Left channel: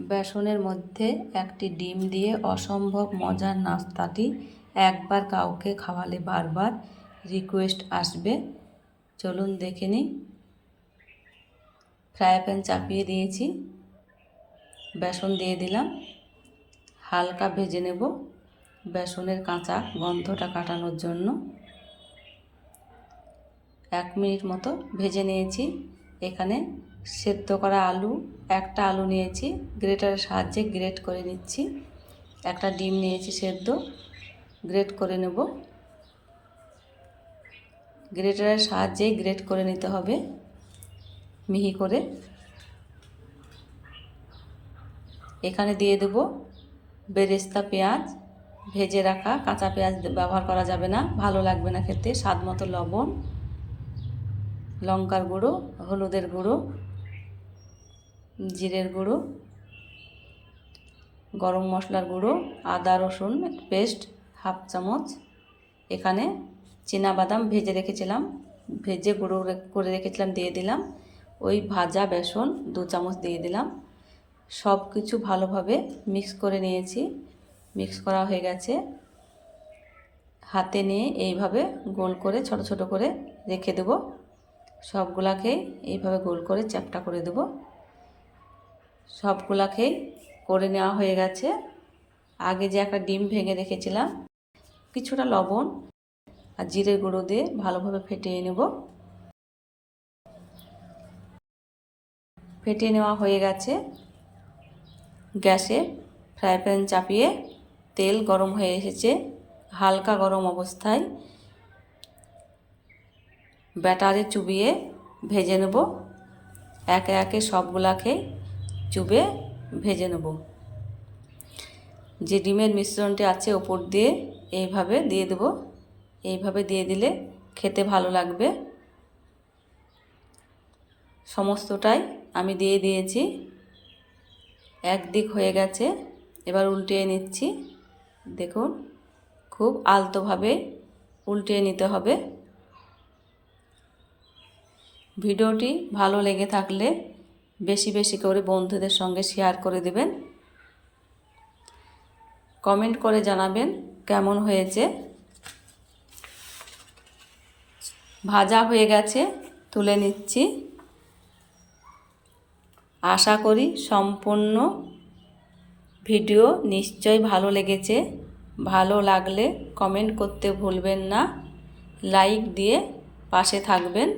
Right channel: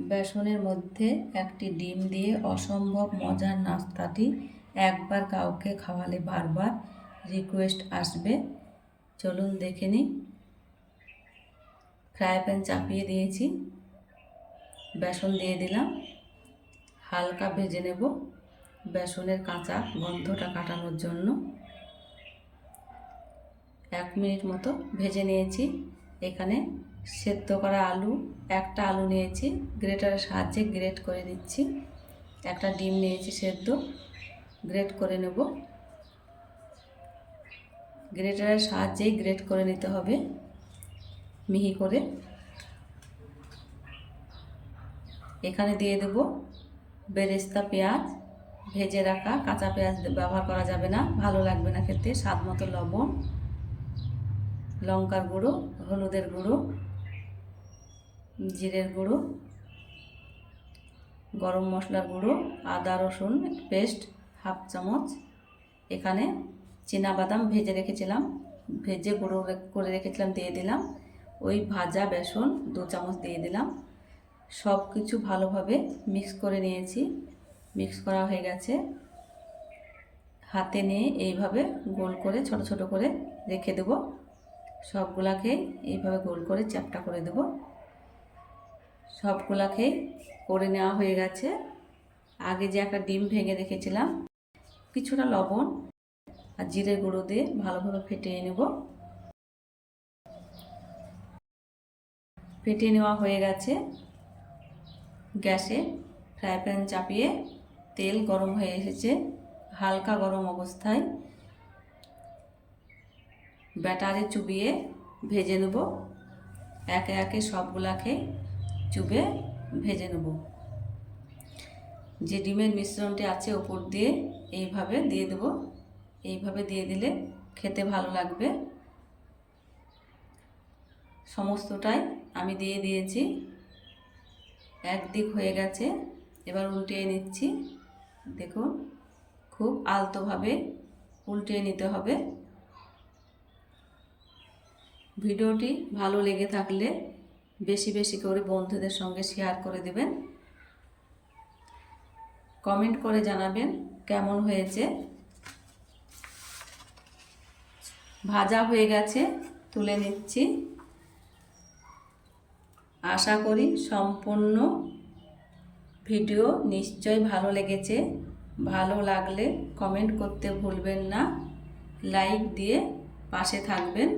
বেসনের মধ্যে একটি ডিম দিয়ে অসম্ভব মজার নাস্তাটি একবার কাউকে খাওয়ালে বারবার রিকোয়েস্ট আসবে। চলুন দেখে নিই। ফ্রাই প্যান চাপিয়ে দিয়েছি। বেসন দিয়ে দিলাম। হালকা ভেজে নেব বেসনের কাঁচা গন্ধটা কাটানোর জন্য। এক মিনিট মতো ভেজে নিয়েছি। এখানে সেদ্ধ করা আলু, একটা আলু নিয়েছি, গ্রেটারের সাহায্যে গ্রেট করে নিচ্ছি। একটা ডিম নিয়েছি সেদ্ধ, গ্রেট করে নেব। গ্রেটারের সাহায্যেই গ্রেট করে নিতে হবে, মিহি করে। এখানে দিয়ে দেব বেরেস্তা পেঁয়াজ, ভেজে রাখা কাঁচা পেঁয়াজ ব্যবহার করা যাবে না, ভালো লাগবে না খেতে স্বাদ মতো লবণ। লঙ্কার গুঁড়ো, হলুদের গুঁড়ো, জিরের গুঁড়ো, গরম মশলার গুঁড়ো, আদা, রসুন পেস্ট হাফ চামচ। এখানে বাদাম ভেজে রেখেছিলাম। ভেজে গুঁড়ো করে রেখেছিলাম, দিয়ে দিলাম। ওই ভাজা বেসন দু চামচ দিয়ে দিলাম। সব কিছু ভালোভাবে মিক্স করে নিয়েছি। মিক্স করা হয়ে গেছে। হাতে নিয়ে এইভাবে গোল করে, ছোট ছোট করে রেখে দেব। সবগুলাকে এইভাবে গোল করে চ্যাপটা করে দেব। সবগুলাকেই করে নেওয়া হয়ে গেছে। আগে যে একটা ডিম ভেঙে রেখেছিলাম, কিছুটা লবণ আর জিরে গুঁড়ো দিয়ে ভালোভাবে ফেটিয়ে নেব। ফেটিয়ে নেওয়া হয়ে গেছে। গ্যাসে ফ্রাই প্যান চাপিয়ে তেল গরম হয়ে এসেছে। হালকা গরম অবস্থায় ব্যাটারে চুবিয়ে ভেজে নেব। একে একে সবগুলাকে চুবে ভেজে নেব। যে ডিমের মিশ্রণটি আছে ওপর দিয়ে এইভাবে দিয়ে দেব। এইভাবে দিয়ে দিলে খেতে ভালো লাগবে। সমস্তটাই আমি দিয়ে দিয়েছি। একদিক হয়ে গেছে, এবার উল্টিয়ে নিচ্ছি। দেখুন, খুব আলতোভাবে উল্টিয়ে নিতে হবে। ভিডিওটি ভালো লেগে থাকলে বেশি বেশি করে বন্ধুদের সঙ্গে শেয়ার করে দেবেন। কমেন্ট করে জানাবেন কেমন হয়েছে। ভাজা হয়ে গেছে, তুলে নিচ্ছি। আশা করি সম্পূর্ণ ভিডিও নিশ্চয়ই ভালো লেগেছে। ভালো লাগলে কমেন্ট করতে ভুলবেন না। লাইক দিয়ে পাশে থাকবেন।